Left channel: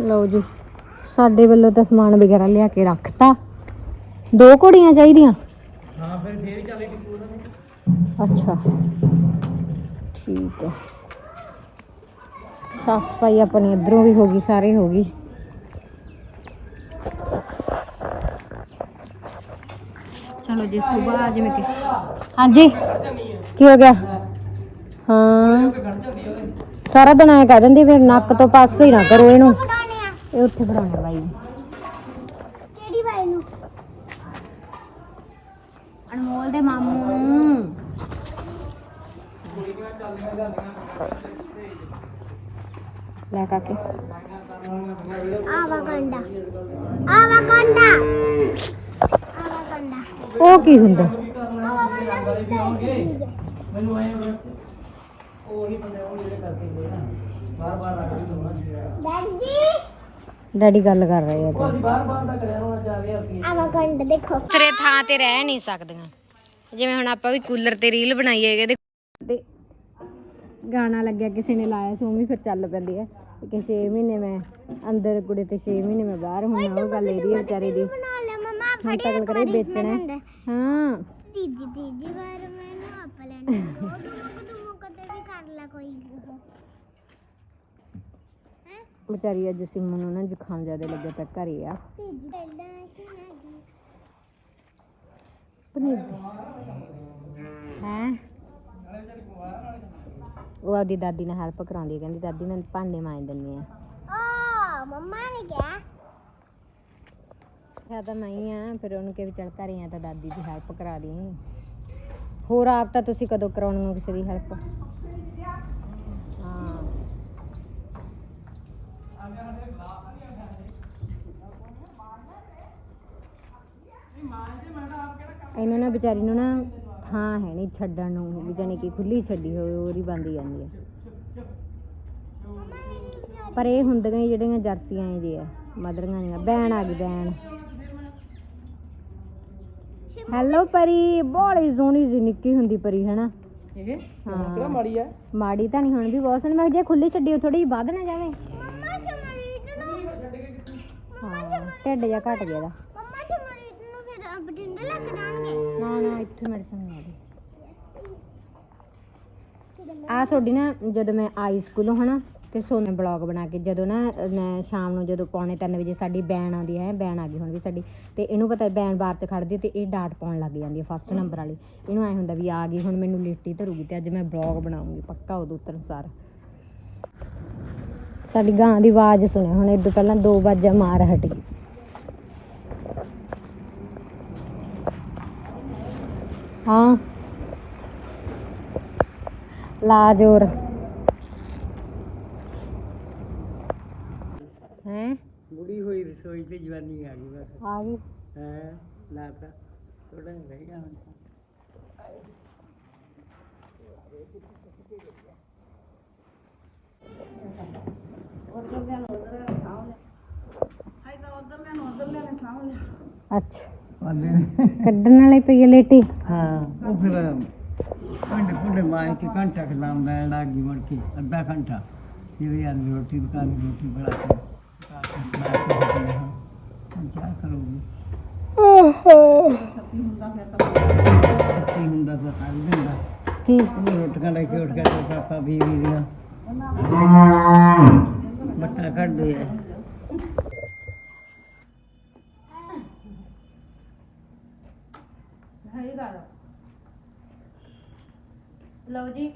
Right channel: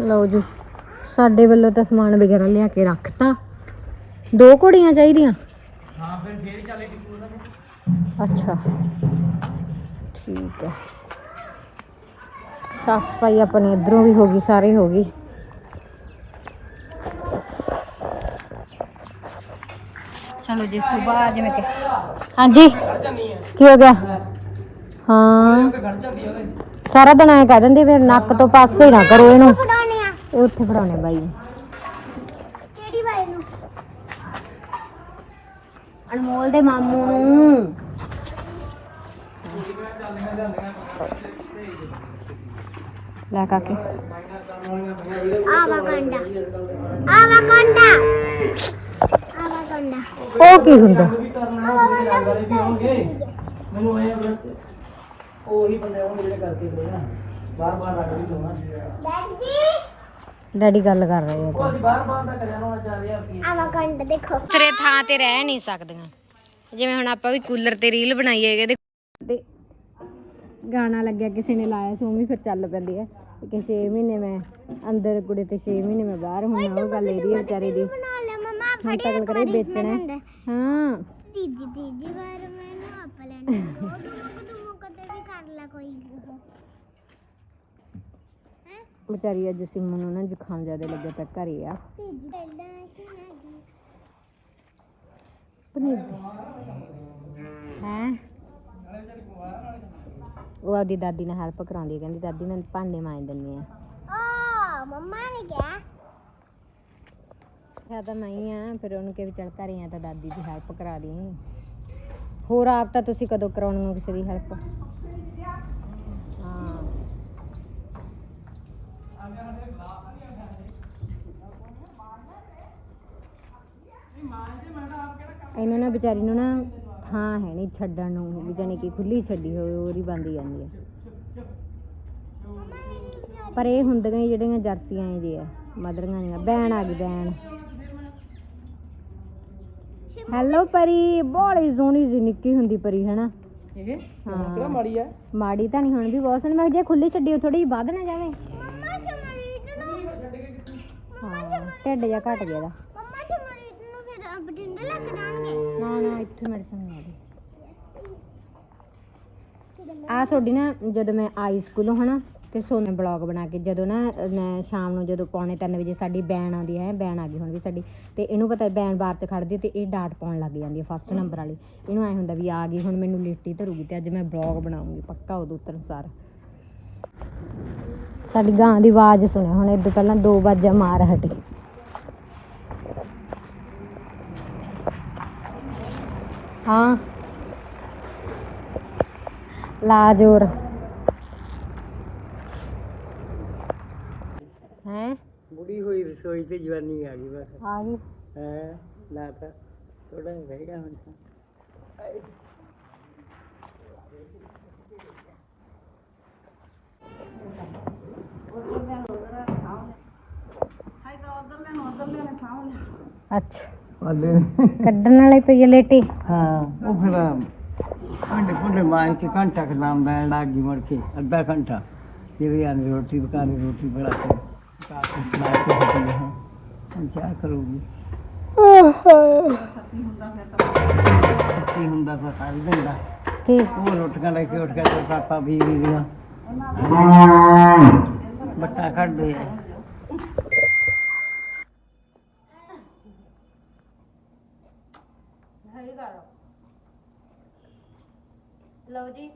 ਲਓ ਜੀ। ਸਾਡੇ ਵੱਲੋਂ ਤਾਂ ਸਮਾਨ ਵਗੈਰਾ ਲਿਆ ਕੇ ਰੱਖਤਾ। ਦੋ ਘੋੜੀਆਂ ਚਾਹੀਦੀਆਂ? ਹਾਂ ਫਿਰ ਫੇਰ ਚੱਲੇਗੀ ਪੂਰਾ ਅੱਛਾ। ਠੀਕ ਹੈ। ਸਾਫ਼ ਸਫ਼ਾਈ ਆਪਣੀ ਇਧਰੋਂ ਵੀ ਹੋ ਗਈ ਸਾਰੇ ਹੋ ਗਈ। ਚਲੋ ਜੀ ਸਵੇਰ ਜਿਵੇਂ ਕਿ ਹਾਂਜੀ। ਕੀ ਹੋ ਗਿਆ? ਹਾਂ। ਸਾਰਾ ਦਿਨ ਐ ਕਹਿ ਦਿੰਦੀ ਫਿਰ ਨੱਕ ਤੋਂ ਪਾਸੇ ਨਾ ਕਰੋ ਇਹਨੂੰ। ਫੜਾਉਣੇ ਆ? ਇਹ ਉੱਥੇ ਫੜਾਉਣੇ ਬਾਈ। ਕਿਹੜੀ ਬਾਈ ਨੂੰ? ਅਨਮੋਲ ਦੇ ਮਾਮੂ ਨੂੰ। ਲੈ ਕਾਕੇ। ਆਵਾ ਕੰਡਾ। ਆਵਾ ਕੰਡਾ। ਆਵਾ ਕੰਡਾ। ਉਹ ਕੀ ਹੁੰਦਾ? ਮੈਨੂੰ ਐ ਉਹੀ ਬੰਦੇ ਆਉਣਗੇ ਜਿਹੜੇ ਕਰਕੇ ਗਏ ਨਾ ਬਾਰ ਬਾਰ ਰੱਖ ਵੀ ਹੋਣਾ ਡੈਡੀ ਡੈਡੀ ਗੱਲ ਕਰ ਰਹੇ ਆ। ਅਸੀਂ ਬਾਰ ਬਾਰ ਦਾ ਕਰਿਆ ਹੋਣਾ 4000 ਰੁਪਏ ਆਵਾ ਕੰਡਾ ਦੇਖੋ। ਤੇਰੇ ਥਾਂ ਤੇ ਰਹਿ ਨਹੀਂ ਸਕਦੀਆਂ। ਜਿਵੇਂ ਹੁਣ ਆਪਾਂ ਵੀ ਕੂਲਰ ਤੇ ਰੀਲ ਬਣਾਈ ਹੈਗੇ ਤੇ ਤੇ ਗਾਣਾ ਲੱਗਿਆ ਕਿਸੇ ਨੇ ਲਾਇਆ ਸੀ ਉਹ ਵੀ ਫਿਰ ਚੱਲ ਪੈਂਦੀ ਹੈ ਕਿ 6 ਮਹੀਨੇ ਮੈਂ ਅੰਦਰ ਕੁੜੇ ਤੇ 6 ਮਹੀਨੇ ਮੈਂ ਬਾਹਰ ਹੁਣ ਉਹ ਗੱਲ ਇਹਦੀ ਹੈ ਵਿਚਾਰੀ ਦੀ। ਬਣਾ ਲਿਆ ਮਮਾ ਹੁਣ ਤਾਂ ਗੱਲ ਕਰੇ ਵੇਚਣਾ। ਹੈ। ਹਾਂ। ਤੀਜੀ ਤੀਜੀ ਵਾਰ ਮੈਨੂੰ ਆਪ ਲੈਣਾ ਉਹ ਦੁਮਕ ਦੁਮਕ ਤੇ ਵੀ ਕਰ ਲੈ ਕੋਈ ਹੈ ਵਿਚਾਰੀ ਅੱਜ ਸਿਮਨ ਨੂੰ ਨਾ ਜ਼ੁਕਾਮ ਜ਼ਿਆਦਾ ਲੱਗਿਆ ਤਾਂ ਘਰੇ ਆ। ਪਨੀਰ ਹੈ? ਉਹ ਆਪਦੀ ਦਾਦੀ ਨਾਲ ਹੈਲਪ ਕਰਾਉਂਦੀ ਹੈ ਕਹਿੰਦੀ ਦਾਦੀ ਮੈਂ ਭਾਂਡੇ ਮਾਂਜ ਦਿੰਨੀ ਆ। ਓ ਮੰਮਾ ਨੇ ਕਿਹਾ? ਕਿਹਾ ਤਾਂ ਮੈਂ ਹੀ ਆ ਫਿਰ ਉਹਨੂੰ ਕਿ ਵੀ ਚੱਲ ਘਰੇ ਆ ਤਾਂ ਦਾਦੀ ਦੀ ਹੈਲਪ ਕਰਾ ਦੀ ਹੋਰ ਆਪ ਤਾਂ ਤੁਸੀਂ ਕਦੋਂ ਕਰਾਉਣੀ ਹੋ ਕਿਸੇ ਦੀ ਹੈਲਪ ਹਾਂ ਇਹਨਾਂ ਨਾ ਵਿਚਾਰੀ ਨੂੰ ਨਾ ਹਾਂ ਹੈ ਨਹੀਂ ਛੱਡਣ ਨੂੰ ਵੀ ਜਾਣੀ ਕਿ ਖੁੱਲੀ ਛੱਡੀ ਹੋਵੇ ਹੋਰ ਹੀ ਬੰਦੀ ਜਾਂਦੀ ਹੈ ਪਰ ਇਹ ਹੁੰਦੀਆਂ ਹੀ ਜਿਹੜੀਆਂ ਜਰਸੀਆਂ ਜੀ ਆ ਮਦਰੀਆਂ ਦੀਆਂ ਬੈਣ ਆ ਗਈ ਬੈਣ। ਹੈਲੋ ਪਰੀ ਬੋਲੀ ਸੋਹਣੀ ਜੀ ਨਿੱਕੀ ਹੁੰਦੀ ਪਰੀ ਹਨਾ? ਇਹ? ਹਾਂ। ਕਿਹੜਾ ਮਾੜੀ ਆ? ਮਾੜੀ ਤਾਂ ਨਹੀਂ ਹੁਣ ਵੀ ਬਹੁਤ ਸੋਹਣੀ ਮੈਂ ਜੇ ਖੁੱਲੀ ਛੱਡੀ ਥੋੜੀ ਜਿਹੀ ਵੱਧ ਨਾ ਜਾਵੇ। ਮੰਮਾ ਸਮਰੀਤ ਨੂੰ। ਹਾਂ ਢਿੱਡ ਜਿਹਾ ਘਟ ਗਿਆ ਦਾ ਫਿਰ ਜਾਣਗੇ। ਨਾ ਨਾ, ਇੱਥੇ ਮੈਡੀਸਨ ਨਹੀਂ ਆਦੀ ਆ ਤੁਹਾਡੀ ਨਾ, ਜਦੋਂ ਮੈਂ ਆਈ ਸਕੂਲੋਂ, ਹਨਾ, ਤੇ ਸੋਨੇ ਬਲੌਗ ਬਣਾ ਕੇ, ਜਦੋਂ ਨਾ, ਮੈਂ ਸ਼ਾਮ ਨੂੰ ਜਦੋਂ ਪੌਣੇ 3 ਵਜੇ ਸਾਡੀ ਬੈਨ ਆਉਂਦੀ ਹੈ ਬੈਨ ਆ ਗਈ ਹੁਣ ਵੀ ਸਾਡੀ, ਤੇ ਇਹਨੂੰ ਪਤਾ ਬੈਨ ਬਾਰ ਚ ਖੜਦੀ ਹੈ ਤੇ ਇਹ ਡਾਟ ਪਾਉਣ ਲੱਗ ਜਾਂਦੀ ਹੈ ਫਸਟ ਨੰਬਰ ਵਾਲੀ। ਇਹਨੂੰ ਐ ਹੁੰਦਾ ਵੀ ਆ ਗਈ, ਹੁਣ ਮੈਨੂੰ ਲੇਟੀ ਧਰੂਗੀ ਤੇ ਅੱਜ ਮੈਂ ਬਲੌਗ ਬਣਾਉਂਗੀ, ਪੱਕਾ ਉਦੋਂ ਉਤਰਨ ਸਾਰ। ਸਾਡੀ ਗਾਂ ਦੀ ਆਵਾਜ਼ ਸੁਣਿਆ ਹੁਣ ਇਦੋਂ ਪਹਿਲਾਂ ਦੋ ਵਾਜਾਂ ਮਾਰ ਹਟੀ। ਹਾਂ। ਲਾ ਜੋਰ। ਹੈ? ਬੁੜੀ ਹੋਈ ਰਸੋਈ ਤੇ ਜਵਾਨੀ ਆ ਗਈ ਬਸ। ਆ ਗਈ। ਹੈ? ਲਾ ਤਾਂ ਥੋੜਾ ਰਹੇਗਾ ਹੁਣ ਤਾਂ। ਅੱਛਾ। ਵਾਲੇ ਕੱਢਣ ਵਾਲੀ ਪਈ ਹੈ ਲੇਟੀ। ਹਾਂ ਉਹ ਫਿਰ ਅੰਡੇ ਪੁੱਲੇ ਮਾਰ ਕੇ ਘੰਟਾ ਖਲਾਉਂਦਾ ਹੈ ਲਾਗੀ ਮੁੜ ਕੇ ਅੱਧਾ ਘੰਟਾ। ਜਿਵੇਂ ਆਂ ਰੋਟੀ ਪਕਾਣੀ ਰੋਟੀ ਬਣਾ ਕੇ ਪਕਾ ਕੇ ਖਲਾ ਕੇ ਹਟੀ ਹਾਂ ਹੁਣ ਕੀ ਕਰੂਗੀ? ਕੀ ਹੁੰਦਾ ਫਿਰ ਕਰ ਦਿੰਦਾ। ਕੀ? ਉਹ ਰੋਟੀਆਂ ਲੈ ਕੇ ਉੱਠ ਕੇ ਪਾਪਾ ਵੀ ਵੀ ਦੀਆਂ ਬੱਟਾ ਕੱਢਦੇ ਆ ਸਹੀ ਗੱਲ ਲਓ ਜੀ।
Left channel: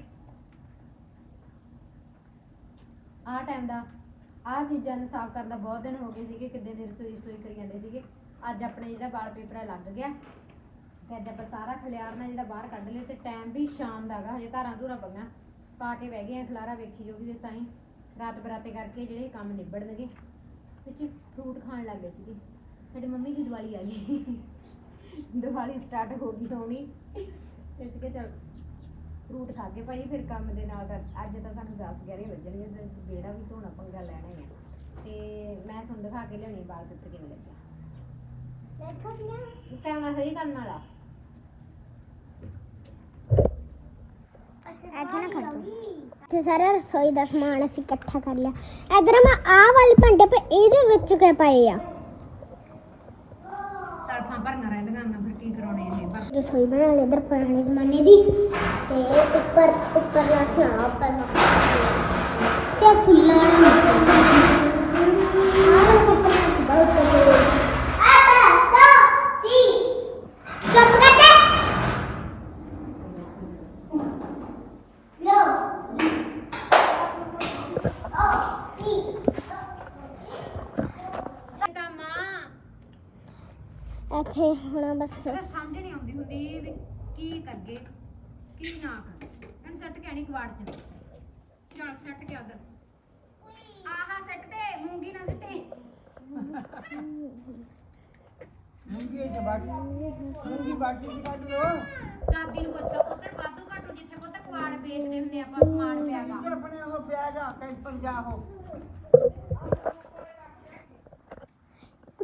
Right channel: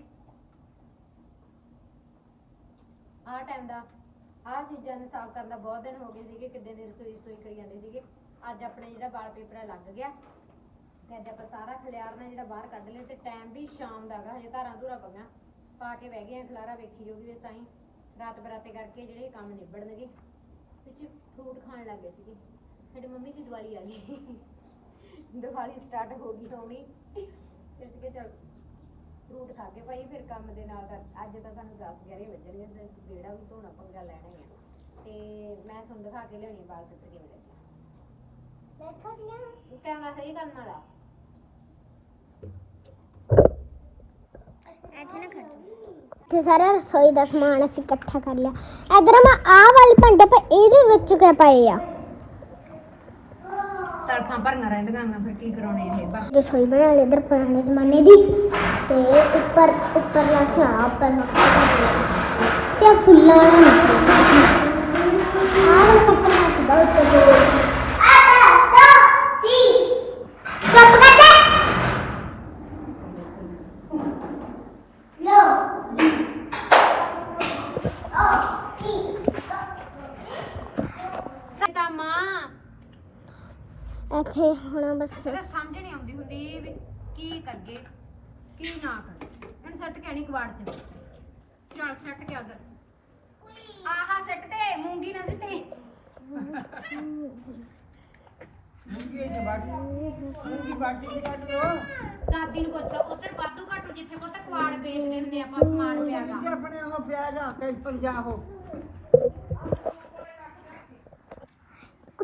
ਆ ਟਾਈਮ ਦਾ ਆ ਚੀਜ਼ਾਂ ਨੂੰ ਸਾਫ਼ ਕਰਨ ਦਾ ਬਹੁਤ ਦਿਨ ਹੋ ਗਏ ਸੀਗੇ, ਕਿੱਦੇ ਦੀ ਰਸੋਈ ਰਸੋਈ ਕਰੀ ਜਾਂਦੇ ਸੀਗੇ। ਅੱਜ ਆਪਣੇ ਜਿਹੜਾ ਵਾਲ ਪੇਪਰ ਲੱਗ ਗਿਆ। ਤੇ ਅੱਜ ਆਪਾਂ ਸਾਰਾ ਖਲਿਆਰਨਾ ਜਿਹੜਾ ਬਾਹਰ ਕੱਢ ਲਿਆ, ਤੇ ਟਾਈਮ ਵੀ ਸ਼ਾਮ ਦਾ ਹੈਗਾ ਹਜੇ ਧਾਰਾਂ ਧੂਰਾ ਪਈਆਂ। ਪਾ ਕੇ ਬਹਿ ਗਏ ਆ, ਖਲਾਰਾ ਵੇਖੀ ਜੋਗੀ ਵੀ ਸਾਈ ਰਾਤ ਬਰਾਤੇ ਕਰਕੇ ਜਿਹੜੇ ਕੰਮ ਨਿਬੜਨਗੇ। ਵਿੱਚ ਫਰੂਟ ਖਾਣ ਲੱਗ ਗਏ ਸੀਗੇ। ਸਾਡੀ ਮੰਮੀ ਦੀ ਦੀਵਾਲੀ ਆ ਗਈ। ਦੀਵਾਲੀ ਸਟਾਰਟ ਹੋ ਗਈ ਹੋਣੀ। ਤੇ ਅਸੀਂ ਚਲ ਫਰੂਟ ਖਾ ਕੇ ਭਾਈ ਫਿਰ ਕੰਮ ਦੇ ਨਾਲ ਤਾਂ ਅੱਜ ਤਾਂ ਸਾਨੂੰ 10 11 ਵੱਜਣਗੇ ਤੇ ਬੇੜਾ ਵੀ ਧੋਣਾ ਪੰਗਾ ਲੈਣਾ ਹੀ ਆ। ਤੇ ਮੈਂ ਤੁਹਾਨੂੰ ਦਿਖਾ ਕੇ ਲਿਆਉਣੀ ਬਾਲ ਪੇਪਰ ਕਿਵੇਂ ਲੱਗਿਆ ਦੇਖੋ ਜੀ। ਕੈਮਰਾ ਸਹੀ ਕਰਨ ਵਾਲਾ। ਇੱਥੇ ਨਾ ਖੜੋ ਇੱਥੇ ਸਾਰਾ ਰਸੋਈ ਦਾ ਸਮਾਨ ਅਸੀਂ ਇਕੱਠਾ ਕਰ ਲਿਆ। ਇਧਰ ਮੈਂ ਆਹ ਵਾਲੇ ਭਾਂਡੇ ਪਰ ਇਹਦੇ ਵਿੱਚ ਕਿਆ ਪਏ ਆ? ਸੜਕਾਂ ਭਰੀਆਂ ਰਹਿੰਦੀਆਂ ਮੈਂ ਫਿਰ ਕੀ ਕਰਾਉਣੇ ਇਹ ਬਸ ਰਸੋਈ ਬਣਾ ਲਈ ਇਧਰ ਪੁਰਾਣੇ ਜ਼ਮਾਨੇ ਦੀ। ਤੇ ਉੱਪਰ ਉੱਪਰ ਦਾ ਸਣਾ ਉੱਪਰ ਤੇ ਫੁੱਲਾਂ ਵਾਲਾ ਆਹ ਕੱਪੜਾ ਸੀਗਾ ਉੱਤੇ ਤੇ ਚੁੱਪ ਕਰ ਜਾ ਸਤਾ ਮਾਂ ਇੱਥੇ ਹੁਣ ਬਸ। ਸਮਝ ਨਹੀਂ ਆਉਂਦੀ ਹੁੰਦੀ ਵੀ ਕੀ ਕਰਗੇ ਕੀ ਨਾ ਕਰੀਏ। ਹੁਣ ਸੱਟ ਕੇ ਆਣੀ ਕਵਾੜ ਚ। ਚੱਲ ਸੱਟ ਕੇ ਉਧਰ। ਆਹਾ ਸੱਟ ਤੇ ਮੂੰਗੀ ਨਾ ਸਿੱਟੀ। ਦਾਦੀ ਨੂੰ ਪੁੱਛ ਲਓ ਉਧਰ ਵਾਧੂ ਘਾਟੂ ਜਿੱਥੇ ਪੁੱਤ ਕਵਾੜ ਵੇਚਦੇ ਹੁੰਦੇ ਆਪਾਂ ਸਮਾਨ ਪਿਆਗਾ ਆਪਣੇ ਉਹ ਪਿਆ ਜਾ ਕਈ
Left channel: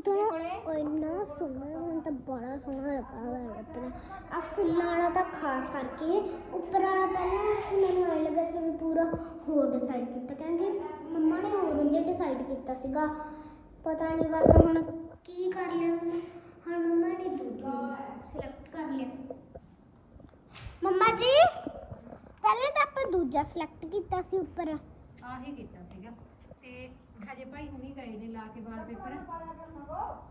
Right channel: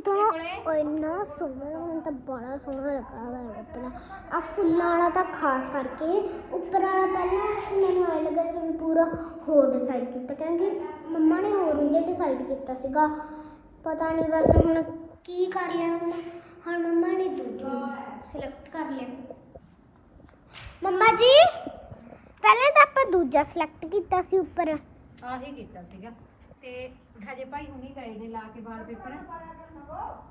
ਪਰ ਜਾਓ ਕੁਟਾ ਸੋਹਣਾ ਮੈਨੂੰ ਤਾਂ ਬੜਾ ਸੋਹਣਾ ਲੱਗਾ ਵਾ ਕੱਪੜਾ। ਆ ਫੁੱਲਾਂ ਵਾਲਾ ਤਾਂ ਖਾਸ ਕਰਕੇ, ਉੱਪਰ ਵਾਲਾ ਪਹਿਲਾਂ ਮੈਨੂੰ ਆਇਆ ਲੱਗਾ ਸੀ ਪੂਰਾ ਹੋਰ ਡਿਸਾਈਡ ਕੀਤਾ। ਕਿਉਂਕਿ ਮੰਮਾ ਨੇ ਹੋਰ ਨਹੀਂ ਡਿਸਾਈਡ ਕੀਤਾ ਸੀਗਾ। ਪਤਾ ਨਹੀਂ ਬਸ ਹੁਣ ਕੀ ਕਰ ਲਿਆ ਮੰਮਾ। ਹੁਣ ਮੰਮਾ ਨੇ ਦੂਜੀ ਸਿਲੈਕਟ ਕਰ ਲਿਆ। ਮੰਮਾ ਜੀ, ਪਹਿਲਾਂ ਤਾਂ ਆਪਾਂ ਦੂਜਾ ਸਿਲੈਕਟ ਕੀਤਾ ਸੀ ਉੱਪਰ। ਆਹੀ ਕੀਤਾ ਸੀਗਾ। ਤੇ ਹਜੇ ਭਾਈ ਹੁਣੀ ਗਏ ਨੇ ਲਾ ਕੇ ਵਾਲ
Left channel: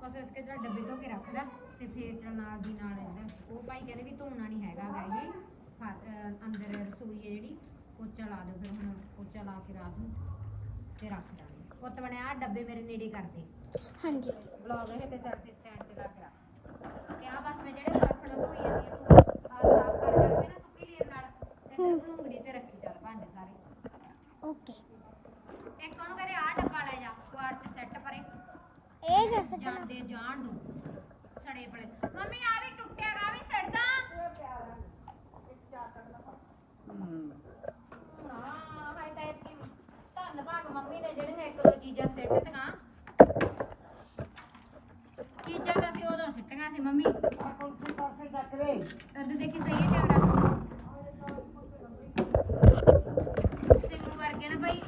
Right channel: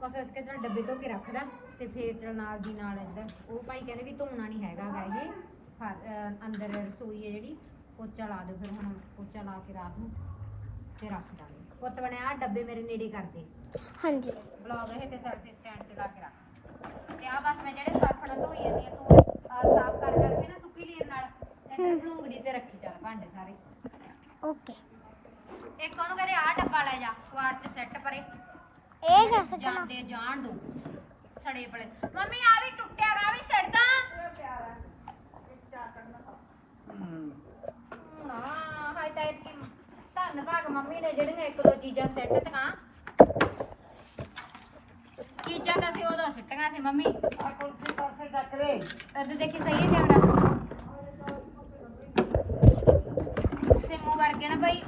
ਬਸ ਇਸ ਕੇ ਚਲ ਡੱਬੇ ਧੋ ਕੇ ਰੱਖਦਾ ਤੇ ਫੇਰ ਚਲ ਨਾਲ ਦੀ ਨਾਲ ਇੱਧਰ ਉਹ ਭਾਈ ਕਹਿੰਦੇ ਵੀ ਧੋਣਾ ਨਹੀਂ ਹੈਗਾ ਗਾ ਇਹ। ਫਰ- ਅੰਦਰ ਰਸੋਈ ਹੈ ਜਿਹੜੀ ਪੋਚਾ ਲਾ ਦਿਓ ਫਿਰ ਹੁਣ ਪੋਚਾ ਲਾ ਕੇ ਰਾਤ ਨੂੰ ਤੇ ਰੱਖ ਦਾਂਗੇ। ਪੁੱਤ ਬਣਿਆ ਆਹ ਡੱਬੇ ਮੇਰੇ ਨੇੜੇ ਕਰਦੇ। ਹਾਂਜੀ। ਬਲੌਗ ਇਹ ਤੇ ਸਰਫੇ ਸਟੈਂਡ ਤੇ ਲਾ ਕੇ ਰੱਖ। ਤੇ ਆ ਬਸ ਮੈਂ ਜਿਹੜੇ ਸਰਫ ਨਾਲ ਧੋਈ ਜਾਂਦੀ ਆ ਤੂੰ ਆਹ ਸਾਫ਼ ਕਰ ਕਰਕੇ ਨਾ ਸੁੱਕੀ ਲੀਰ ਨਾਲ ਇੱਧਰ ਭਲੂੰਗੜੀ ਤੇ ਰੱਖੀ ਚੱਲ ਭਾਂਡੇ ਸਾਰੇ। ਓਕੇ। ਇੱਕ ਉਹਨੂੰ ਕਹਿੰਦੇ ਆ ਡੱਬਾ ਲੈ ਜਾ ਕੁਆੜ ਤੇ ਸੈੱਟ ਪਰੇ। ਇਹ ਕਰ ਸਕਣਾ ਜਾਂਦੇ ਜਾਣ ਦੋ। ਸੜੇ ਪੜੇ ਮੰਮੀ ਆ ਵੀ ਟੁੱਟਿਆ ਗਾ ਵੀ ਸੜਦਾ। ਹਾਂ ਹਾਈ ਤਾਂ ਇੱਕ ਧੰਨ ਭਾਗ ਮੰਮੀ ਨੇ ਜਿਹੜੇ ਇੱਕ ਦੋ ਚੀਜ਼ਾਂ ਸੈੱਟ ਤੀਆਂ ਚੀਜ਼ਾਂ ਤਾਂ ਸੀ ਉਦੋਂ ਸਿੱਟੀਆਂ ਸੀ, ਮੰਮੀ। ਆ ਦੇਖੀ ਸਹੀ ਹੈ ਕੈਮਰਾ ਸਿਮੂ ਵਰਗੇ ਨਾ ਭਾਈ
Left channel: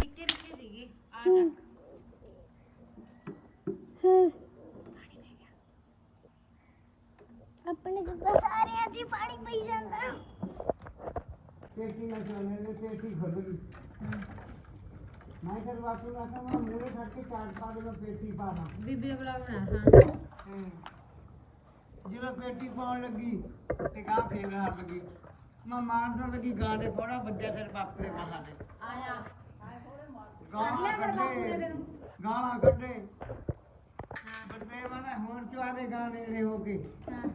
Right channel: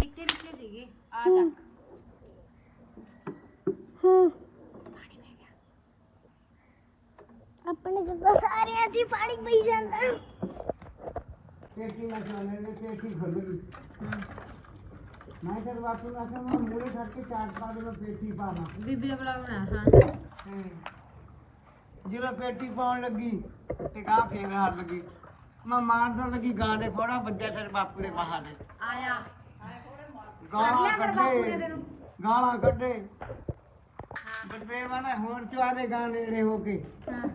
ਨਿੱਕੇ ਨਿੱਕੇ ਸੀਗੇ। ਆ ਤੱਕ ਹੂੰ। ਆਪਣੇ ਜਿੱਦਾਂ ਸਾਰਿਆਂ 'ਚ ਹੀ ਪਾਣੀ ਪਈ ਜਾਂਦਾ। ਪੇਟੀ ਮਸਾਲੇ ਨੇ ਪੇਟੀ ਖੁੱਲ੍ਹੀ ਮੈਂ ਫਿਰ ਵਾਪਸ ਆ ਕੇ ਮੈਂ ਮੇਰੇ ਘਰ ਕੇ ਚਾਟ ਪਾ ਦੇ ਪੇਟੀ ਪਾਣਾ ਬੀਬੀ ਦਾ ਬੁਲਾਉਣਾ ਹਾਂ। ਜਦੋਂ ਪੇਟੀ ਪਾਉਣ ਲੱਗੀ ਤੇ ਗਾਂ ਫੇਰ ਹਾਰ ਲੱਗੀ। ਮੈਂ ਮਾਰਨ ਲੱਗੀ ਗਾਂ ਦੇ ਫੋੜਾ ਵੱਜਿਆ ਤੇਰੇ ਬਾਪੂ ਦੇ ਮਹਾਂ ਦੇ ਆਇਆ। ਗਾਲਾਂ ਕਰ ਕਰ ਬਾਪੂ ਦੇ ਕੱਢੇ। ਗਾਲਾਂ ਕੱਢੇ ਬੜੇ ਮਨ ਹੁਣ ਚਵਾ ਦੇ ਗਾਂ ਨੇੜੇ ਹੋ ਕੇ। ਹਾਂ।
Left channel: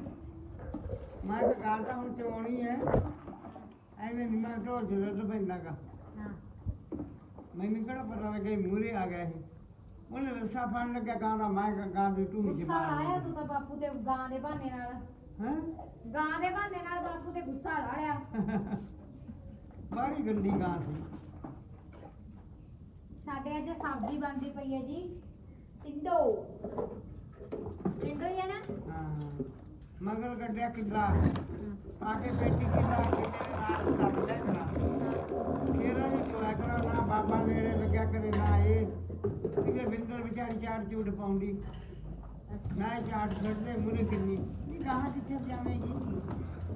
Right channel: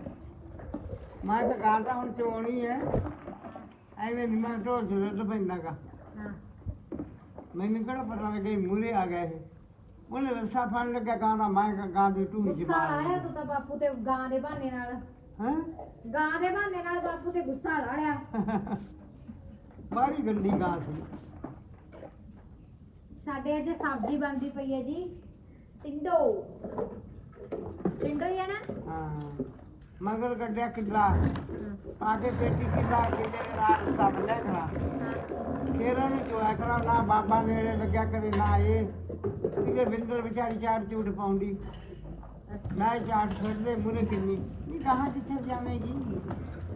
ਮੈਂ ਤਾਂ ਗਾਂ ਤਾਂ ਹੁਣ ਚੋਣੀ ਹੈ ਐਵੇਂ ਨਹੀਂ ਮੈਂ ਢੋਲ ਤੇ ਦੁੱਧ ਪੈਂਦਾਗਾ ਹਾਂ। ਮੈਨੂੰ ਕਿਹੜਾ ਪਤਾ ਲੱਗਿਆ ਮੂਰੇ ਆ ਗਏ ਉਹਨੇ ਰੱਸਾ ਫੜ ਲੱਗਿਆ ਗਾਂ ਦਾ ਮੈਂ ਗਾਂ ਦੀ ਢੂਹੀ ਚ ਗੁੱਸਾ ਆਇਆ ਮਾਰ ਤੂੰ ਤਾਂ ਬਾਪੂ ਤੇ ਗਾਂ ਦੇ ਬਹਾਨੇ ਨਾਲ। ਹਾਂ? ਗਾਂ ਦੇ ਬਹਾਨੇ ਨਾਲ ਬਾਪੂ ਤੇ ਗੁੱਸਾ ਲਾ ਲਿਆ ਬੜੀ ਗੰਦੀ ਗਾਂ ਸੀ। ਸਾਡੇ ਅੱਜ ਸਬਜ਼ੀ ਬਣਦੀ ਪਈ ਹੈ ਜੀ। ਟਿੰਡੋ ਟਿੰਡੋ ਹੀ ਹੈ ਨਾ ਹਾਂ ਮਗਰ ਕੱਢਿਆ ਕਿੱਲਾ। ਆ ਕੇ ਪੇਟੀ ਕਿੱਲਾ ਕਿੱਲੇ ਦੇ ਨਾਲ ਰੱਸਾ ਬੰਨਿਆ ਖੜਾ ਫੇਰ ਉਹਨੂੰ ਚੋਇਆ ਕਰਾਂ ਨਾ ਬਾਬਾ ਨੇੜੇ ਲੱਗਿਆ ਕਰੇ ਨਾ ਇਹ। ਕਿਤੇ ਬਿੰਦਰ ਵਿਚਾਰੀ ਚਾਟ ਚੂਟ ਪਾਉਂਦੀ। ਮੈਂ ਚਾਟ ਛੱਡਦੇ ਮੂਰੇ ਕਿੰਨੀ ਨਹੀਂ ਕਹਾਂ ਕਿੱਥੇ ਜਾਵੇਗੀ?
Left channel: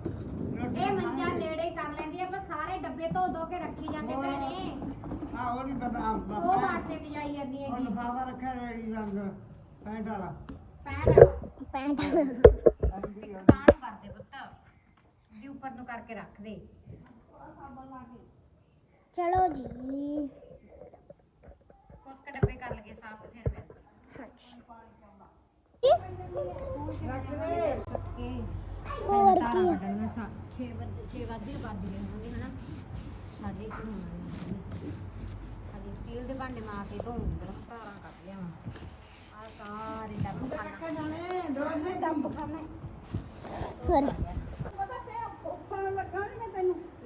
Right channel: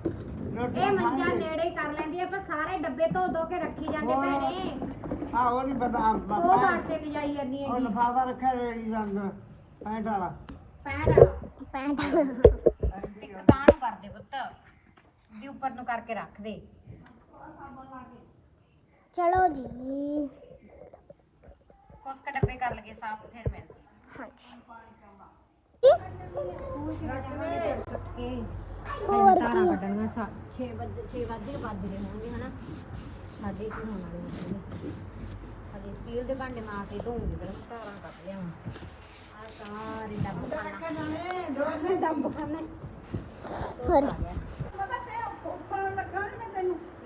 ਇਹ ਮੰਜਾ। ਨੇੜੇ ਹੀ ਕਰ ਲੈਂਦੀ ਹੈ ਪਰ ਸਾਰੇ ਡੱਬੇ ਧੋ ਧੋ ਕੇ ਰੱਖੀ ਜਾਂਦੇ। ਪਏ ਨੇ ਹਾਂ ਉਹ ਨਹੀਂ ਪਤਾ ਉਹ ਬਾਬਾ। ਘਾਟ ਤੇ ਲਿਜਾਈ ਜਾਂਦੀ ਉਹ ਹੈਗੀ। ਲਫਾਫਾ ਰੱਖਿਆ ਰੇੜੀ ਦੇ ਅੰਦਰ। ਪੈਂਟ ਵਾਲਾ। ਪੈਂਟ ਪੈਂਟ ਇੱਕ ਨੂੰ ਕਰਦੇ ਪੁੱਤ। ਦੀ ਉੱਪਰ ਨੂੰ ਕਰਕੇ ਰੱਖ ਦੇ। ਚਲੋ ਜੀ। ਉਸ ਡੱਬੇ ਕਰ ਲਗੇ ਸਾਫ਼ ਫਿਰ ਮਿਲਦੇ ਹਾਂਜੀ। ਹੋਰ ਤਾਰਾਂ ਕੱਢਣੀਆਂ 6 ਵਜੇ 6 ਵਜੇ ਵੱਜ ਰਹੇ ਹੋਣਗੇ ਹਨਾ? ਸਾਡੇ ਇੱਥੇ ਹੋਣ ਵਾਲੇ ਹੋਣਗੇ ਸਟੀਲ ਦੇ ਭਾਂਡੇ ਮਾਂ ਕੇ ਧੋਉਂਗੀ ਫਿਰ ਤਾਰਾਂ ਕੱਢ ਲਿਆਵਾਂ। ਆ ਸਾਰੇ ਡੱਬ ਖਾਣਾ। ਡੱਬ ਖਾਣਾ। ਹੋਰ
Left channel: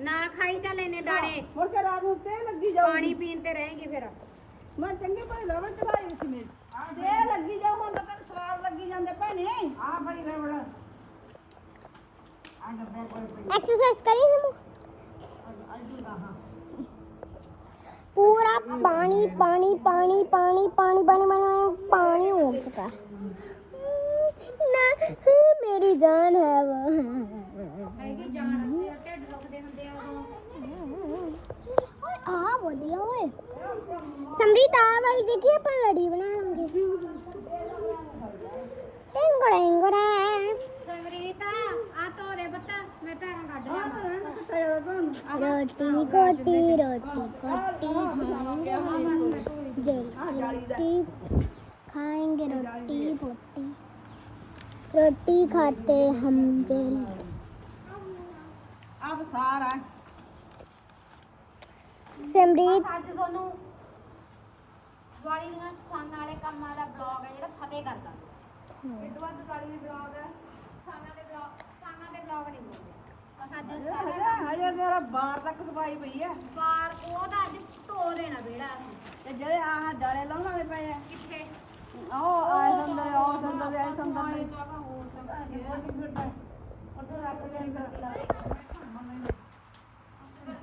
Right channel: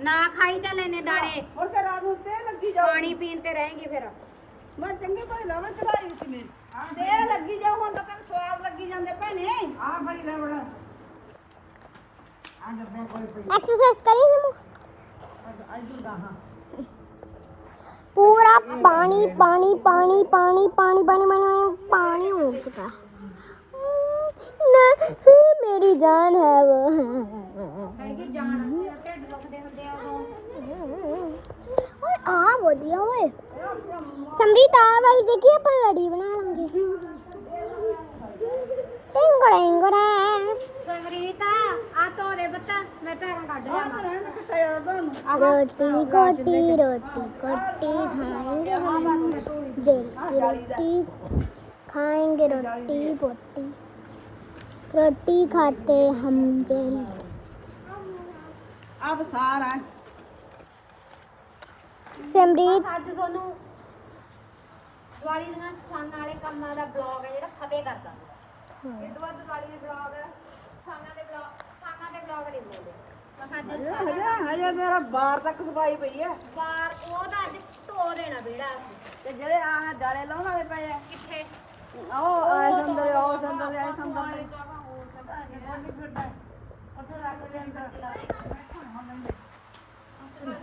ਨਾ ਖਾਈ ਤਾਂ ਲੈਨੇ ਦਾਣੇ ਹੁਣ ਤੇ ਰਾਤ ਨੂੰ ਤੇ ਲੱਗੀ ਜਾਊ ਪਾਣੀ ਪੀਣ ਤੇ ਰਹੇਂਗੇ ਫਿਰ ਮੈਂ ਚੰਗੀ ਭਲੀ ਨਾ ਮੈਂ ਚੜਾਈ ਸੀ ਮੇਰੀ ਤੇ ਲੱਗੀ ਜਾਊ ਹੁਣ ਤਾਂ ਤੈਨੂੰ ਸਵਾਦ ਲੱਗੀ ਜਾਂਦੇ ਭੈਣੇ ਆ ਮੈਂ ਗੜਬੜਾ ਆ ਜੱਟਾਂ ਕੋਲ ਪਈ ਐਕਸਰਸਾਈਜ਼ ਕਰੀ ਨਾ पूरा पानी पानी पानी पानी पानी पानी पानी पानी हो चुका है ना मेरी जान है वो। और आ वो दिया भाई देखिए बना लूँगी। आ तो रे बता मैं तेरा काट रोटी रोटी रोटी खाएँगे हम। रोटी खाएँगे रोटी बोटी रोटी खाते हम जेल ਆਪ ਸਾਰਾ सिमरीत ਅੱਜ ਤੁਹਾਨੂੰ ਦੀਵਾਲੀ ਦੀਆਂ ਸਫਾਈਆਂ ਵਾਲੇ ਕੰਮਾਂ ਦਾ ਬਲੌਗ ਹੈ ਜਿਹੜਾ ਫਤਿਹ ਕਰਦਾ ਇਹ ਤੋਂ ਬਾਅਦ ਦੀਵਾਲੀ ਦੇ ਬਲੌਗ ਸਫਾਈਆਂ ਦੇ ਬਲੌਗ ਸਫਾਈਆਂ ਦੇ ਬਲੌਗ ਨਹੀਂ ਬਣਾਉਂਦੇ ਬਸ ਅੱਜ ਹਜੇ ਹਜੇ ਮੇਰਾ ਬਾਹਰ ਤੱਕ ਸਫਾਈ ਪਈ ਹੈ ਬਾਰ ਉਹ ਤਾਂ ਅੱਜ ਧੋ ਦੇਣਾ ਬੇੜਾ ਤੇ ਜਿਹੜੇ ਆਹ ਜਾਲੇ ਲਾਉਣ ਵਾਲੇ ਪਏ ਆ ਕਿੱਥੇ ਆਏ ਸੰਦਰ ਆਓ ਸੰਦਰ ਆਏ ਸੰਦਰ ਦੇ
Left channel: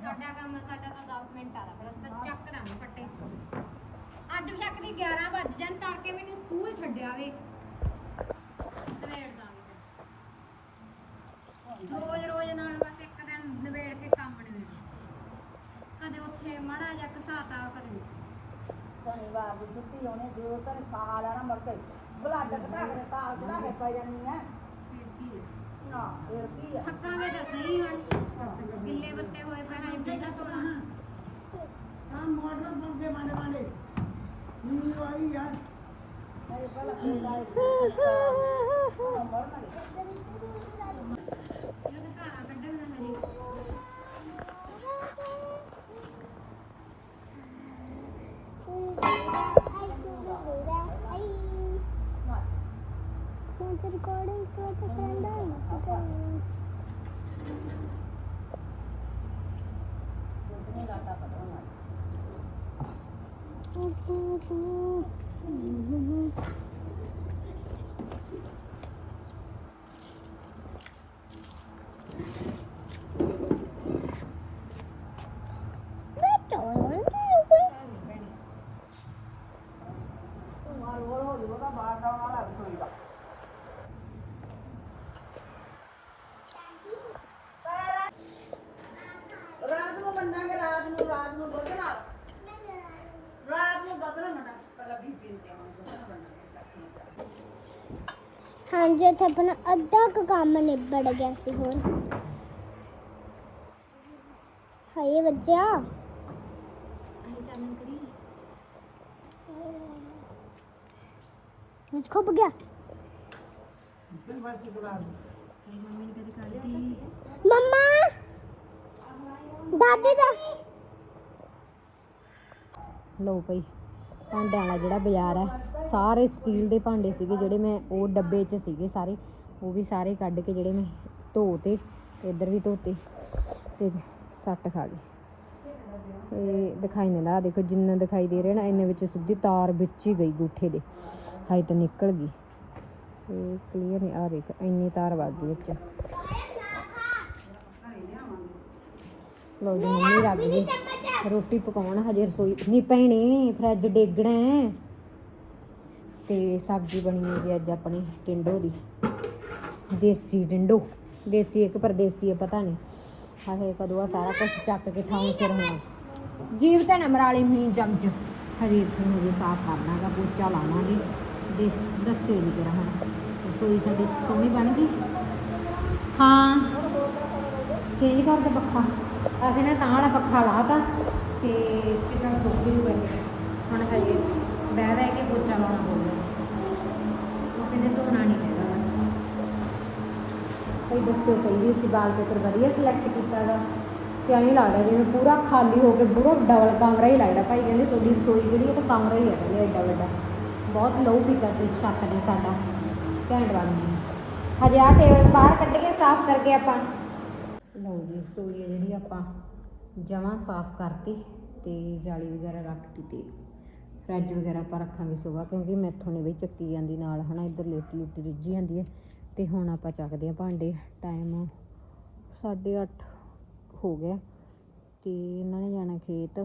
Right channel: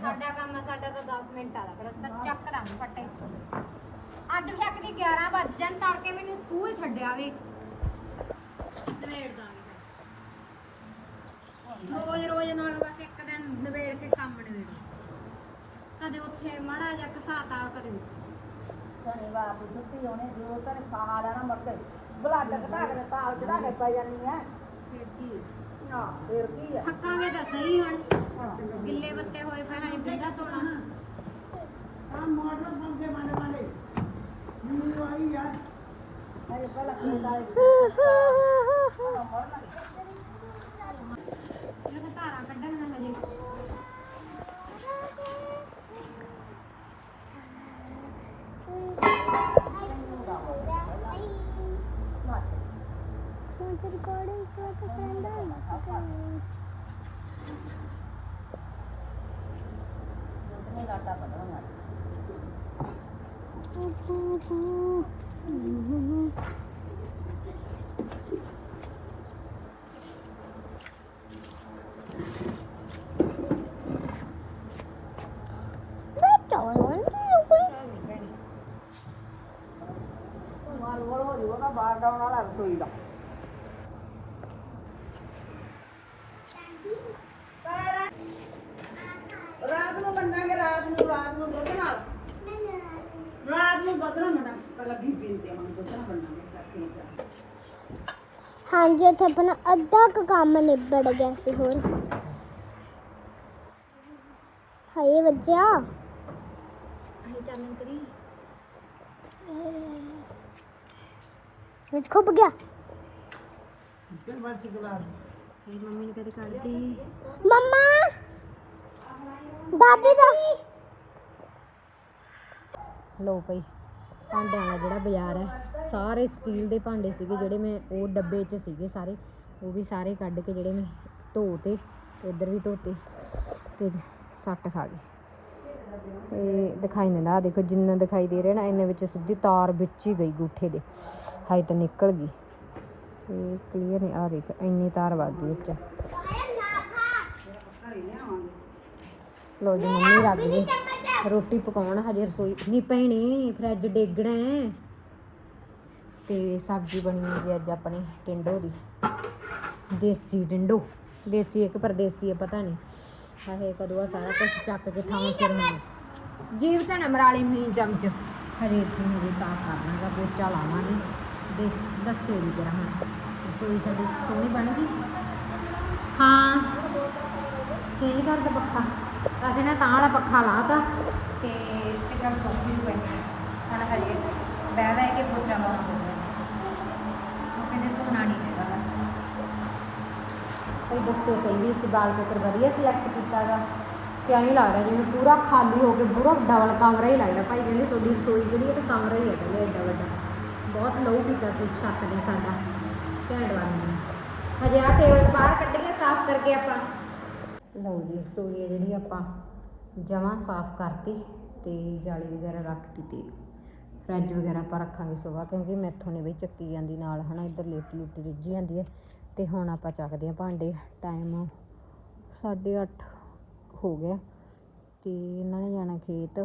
ਸਾਡਾ ਕੰਮ ਸਾਡਾ ਤਾਂ 10 ਮਿੰਟ ਆਦਾ ਫਿਰ ਅਸੀਂ ਤਾਂ ਚੱਕ ਦਾਂਗੇ ਫੱਟੇ। ਅੱਜ ਤੱਕ ਦੀ 11 ਵੱਜ ਜਾਣ, ਤੜਕੇ ਮੈਨੂੰ ਸਕੂਲ ਛੱਡਿਆ ਵੇ। ਨਵੇੜ ਦਾਂਗੇ ਰੋਜ਼ ਰੋਜ਼ ਨਾਲ ਬਸ ਇੱਕ ਦਿਨ ਨਵੇੜ ਕੇ ਕੰਮ ਨਵੇੜੋ। ਕਦੇ ਉੱਥੇ ਮਾੜਾ ਜਿਹਾ ਘਸਾਤਾ, ਕਦੇ ਧੰਨੇ ਵਾਰ ਦੀ ਛੁੱਟੀ ਹੋਣੀ ਜੋ ਤਨ ਖਾ ਲੈਣਾ ਮੁੜ ਕੇ। ਬੁਲਾ ਚੱਕਦਾ ਕੇ ਤਾਲ ਚੜਾ ਕੇ ਪੈ ਜਾਨੀ ਹੈ। ਫਿਰ ਕੀ ਨਾ ਫਿਰ ਕੀ ਹੈ ਥੱਕਾਂਗੇ ਤਾਂ ਸਹੀ ਹੁਣ। ਗਿੱਲੇ ਬੱਤੇ ਹੋਏ ਪਏ ਹਾਂ ਬੇੜਾ ਧੋਣਾ। ਆ ਮੋਟਰ ਬੰਦੇ ਬਣਾ ਵਾਲੇ। ਯੂਨੀ ਵਾਲੀ ਯਾਰ ਅਰੇ ਪਹਿਲਾਂ ਖੇਤ ਆਏ ਮਰਨਾ ਲੱਗਾ ਧਾਰਾਂ ਕੱਢਣ ਨਾ ਹਜੇ। Gracias. हाँ जी इतने अपना अद्धा का काम निबड़ गया सी होर हाय बच्चा मुझ खुब गया मम्मी ने कद कर दी मम्मा दादी दा लो भाई ਭਾਂਡਿਆਂ ਵਾਲਾ ਜਿਹੜਾ ਬਾਜ਼ਾਰ ਹੈ, ਸਾਰੇ ਸਟੀਲ ਦੇ ਭਾਂਡੇ ਸੀਗੇ ਜਿਹੜੇ ਮੈਂ ਉਹ ਡੱਬੇ 'ਚ ਸੀਗੇ ਸਾਰੇ, ਉਹ ਵੀ ਸਾਰੇ ਕੱਢ ਕੇ ਜਿਹੜੇ ਮੈਂ ਧੋਤੇ ਇੱਧਰ ਵੀ ਧੋਤੇ ਤੇ ਸੱਟ ਖਾ ਗਈ। ਇਹ ਦਿਖਾਈ ਨਹੀਂ ਨਾ ਦੇਖੋ ਜਿੰਨਾ ਦਿਖਾਈ ਦੇ ਰਿਹਾ ਨਾ, ਇੰਨੇ ਵਿੱਚ ਸਿੱਧੀ ਤਾਰ ਵਿੱਚ ਹੀ ਗਈ ਗੂਠੇ ਦੇ ਹਾਈ ਤਾਂ ਨਿਕਲ ਗਈ। ਇਹ ਕਲੀਅਰ ਨਹੀਂ ਆ ਦੇਖ, ਇੰਨੀ ਤਾਰ ਵਗ ਗਈ ਵਿੱਚ। ਲੋ ਜੀ, ਮੰਮੀ ਲੱਗ ਗਈ ਰੋਟੀ ਪਕਾਉਣ, ਹਜੇ ਰਸੋਈ, ਨਹੀਂ ਪੈਣੀ ਫਰਿੱਜ ਡੇਗਣਾ ਹੈ। ਤੇ ਸਬਜ਼ੀ ਬਣੀ ਹੈ ਜੀ ਅੱਜ ਆਪਣੀ, ਟਿੰਡੋ ਦੀ। ਦੇਸੀ ਡਿੰਡੋ ਦੇਸੀ ਇੱਕ ਪਰਦੇਸੀ ਹੈ, ਪਤਾ ਨਹੀਂ। ਆਹੇ ਕਦੋਂ ਆ ਸਾਰਾ ਕੁਝ ਚੱਕ ਕੇ ਥਾਂ ਸਿਰ ਹੋਣਾ। ਜੀਵ ਤਾਂ ਨਾ ਨਮਰਾਲੀ ਹੋਈ ਚਮਚ। ਹਰੇ ਇੱਥੋਂ ਹਜੇ ਸਾਫ਼ ਕਰਨਾਗਾ, ਪੋਚਾ ਲਾਵਾਂਗੇ। ਦੇ ਦੱਸਿਓ ਨਹੀਂ ਜਰਾ ਹੁਣ। ਰਸੋਈ ਸਾਡੀ ਸੋਹਣੀ ਬਣ ਗਈ। ਹਾਂ। ਚੇਂਜ ਕਰ ਦੇ ਪੱਖਾ। ਅਸੀਂ ਨਾ ਤਾਂ ਵਾਲਾ ਪੱਖਾ ਲਾਤਾ ਤੇ ਇੱਕਦਮ ਸੁੱਕ ਜੂਗਾ ਜੀ ਹੁਣ ਹਜੇ ਬਹਿ ਬਹਿ ਕੇ ਪੋਚਾ ਲਾਉਣਾ ਪਊਗਾ। ਉਹ ਕਹਿੰਦੇ ਧੋਣਾ ਨਹੀਂ ਹੈਗਾ। ਗਾ। ਇਹ ਦੱਸੋ ਸਹੀ ਵੀ ਅਸੀਂ ਵਾਲ ਪੇਪਰ ਵਧੀਆ ਸਿਲੈਕਟ ਕੀਤਾ ਤੇ ਐਂ ਲੱਗਦਾ ਜਿਵੇਂ ਪੂਰਾ ਖਾਲੀ ਹੋ ਕੇ ਪੂਰਾ ਡਬਲ ਕਮਰਾ ਹੀ ਲੱਗਦਾ। ਭਾਈ ਕਹਿੰਦੇ ਤੁਹਾਡੀ ਰਸੋਈ ਜਿਹੜੀ ਹੈ ਤਾਂ ਕਮਰਾ ਹੀ ਹੈ ਕਹਿੰਦੇ ਐਡਾ ਵੱਡਾ। ਬਹੁਤ ਲੋਅ ਪੀਤਾ ਸੀ ਇਸ ਛੱਤ ਨੇ ਸਾਡਾ। ਘੈਂਟ ਬਣ ਗਿਆ। ਹਜੇ ਆਹ ਟੇਬਲ ਬਾਹਰ ਕੱਢ ਕੇ ਸਾਫ਼ ਕਰਕੇ ਆਪਾਂ। ਲਓ ਜੀ, ਰਸੋਈ ਆਪਾਂ ਜਮਾਂ ਸਾਫ਼ ਕਰਤੀ ਤੇ ਜਾਲੀ ਵਗੈਰਾ ਰੱਖਤੀ ਤੇ ਫਰਿੱਜ ਵਗੈਰਾ ਆਪਾਂ ਰੱਖਾਂਗੇ ਸੁਬਾਹ ਕਿਉਂਕਿ ਮੈਥੋਂ ਨਹੀਂ ਬਈ ਚੱਕੀ ਜਾਂਦੀ ਨਾਲ, ਹਨਾ, ਇੱਧਰ ਲੇਟੀ ਲੇਟੀ ਰਿੱਝੀ ਜਾਂਦੀ ਹੈ। ਤੇ ਹੁਣ ਆਪਾਂ ਚੱਕਦੇ ਹਾਂ ਭਾਂਡੇ ਟਾਈਮ 8:30 ਹੋ ਗਿਆ ਤੇ ਇਹਨਾਂ ਨੇ ਜਾਣਾ ਖੇਤ।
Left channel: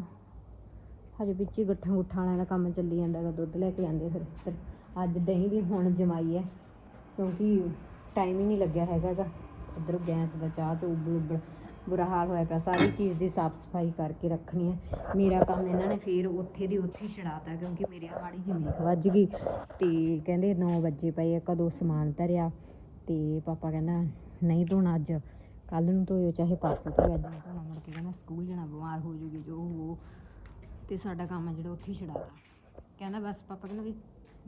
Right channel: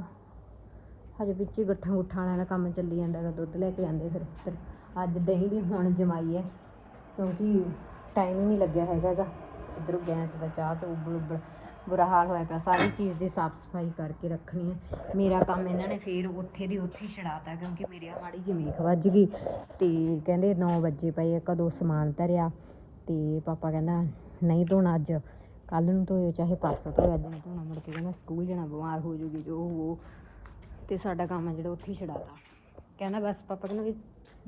ਹਜੇ ਵਿੱਚ ਹੀ ਗੱਠਾਂ ਗੁੱਠਾਂ ਵਾਲਿਆਂ ਦਾ ਕੰਮ ਚੱਲੀ ਜਾਂਦਾ ਹੈਗਾ, ਦੁੱਧ ਲੈ ਕੇ ਆਉਂਦੇ ਫਿਰ ਫਿਰ ਅੱਜ ਦਹੀਂ ਵੀ ਹੁਣ ਜਮਾਈ ਹੈ, ਕਿਉਂਕਿ ਟਾਈਮ ਹੀ ਨਹੀਂ ਲੱਗਿਆ ਹੈਗਾ ਗਾ ਇੱਧਰੋਂ ਗੈਸ ਦਾ ਚਾਹ ਤੋਂ ਉੱਬਲ ਉੱਬਲ ਬੁਰਾ ਹਾਲ ਹੋਇਆ ਪਿਆ, ਸਾਰੀ ਚੀਜ਼ ਦੀ ਸਾਫ਼ ਸਫ਼ਾਈ ਕਰਕੇ ਰੱਖਣੀ ਹੈ। ਮੇਰਾ ਕੰਮ ਇਹਨਾਂ ਨੇ ਫਿਰ ਉੱਥੇ ਦੀ ਉੱਥੇ ਹੀ ਛਡਾਤਾ ਕਿਉਂਕਿ ਮੇਰੇ ਹਾੜੀ ਮਾੜੀ ਵੱਜ ਗਈ। ਤੇ ਕਹਿੰਦੇ 9 ਵਜੇ ਪਏ ਕਦੋਂ ਸਮਾਨ ਧਰਿਆ ਤੇ ਪਾਪਾ ਕਹਿੰਦਾ, ਨਹੀਂ ਧੋਣਾ ਅੱਜ ਕੱਲ ਨੂੰ ਧੋਇਓ, ਚਾਹੇ ਪਾਸਾ ਧੋਇਓ, ਅੱਜ ਨਹੀਂ ਧੋਣਾ। ਮੁੜ ਕੇ ਕਹਿੰਦਾ, ਸਕੂਲ ਜਾਣਾ, ਬਿਮਾਰ ਹੋ ਜੂਗੀ ਜੋ ਉਹ ਤੇ ਸਾਡਾ ਕੰਮ ਆ ਜਿਹੜਾ ਉੱਥੇ ਹੀ ਛਡਾਤਾ। ਕਹਿੰਦਾ ਬਸ, ਪਾਪਾ ਕਹਿੰਦਾ ਵੀ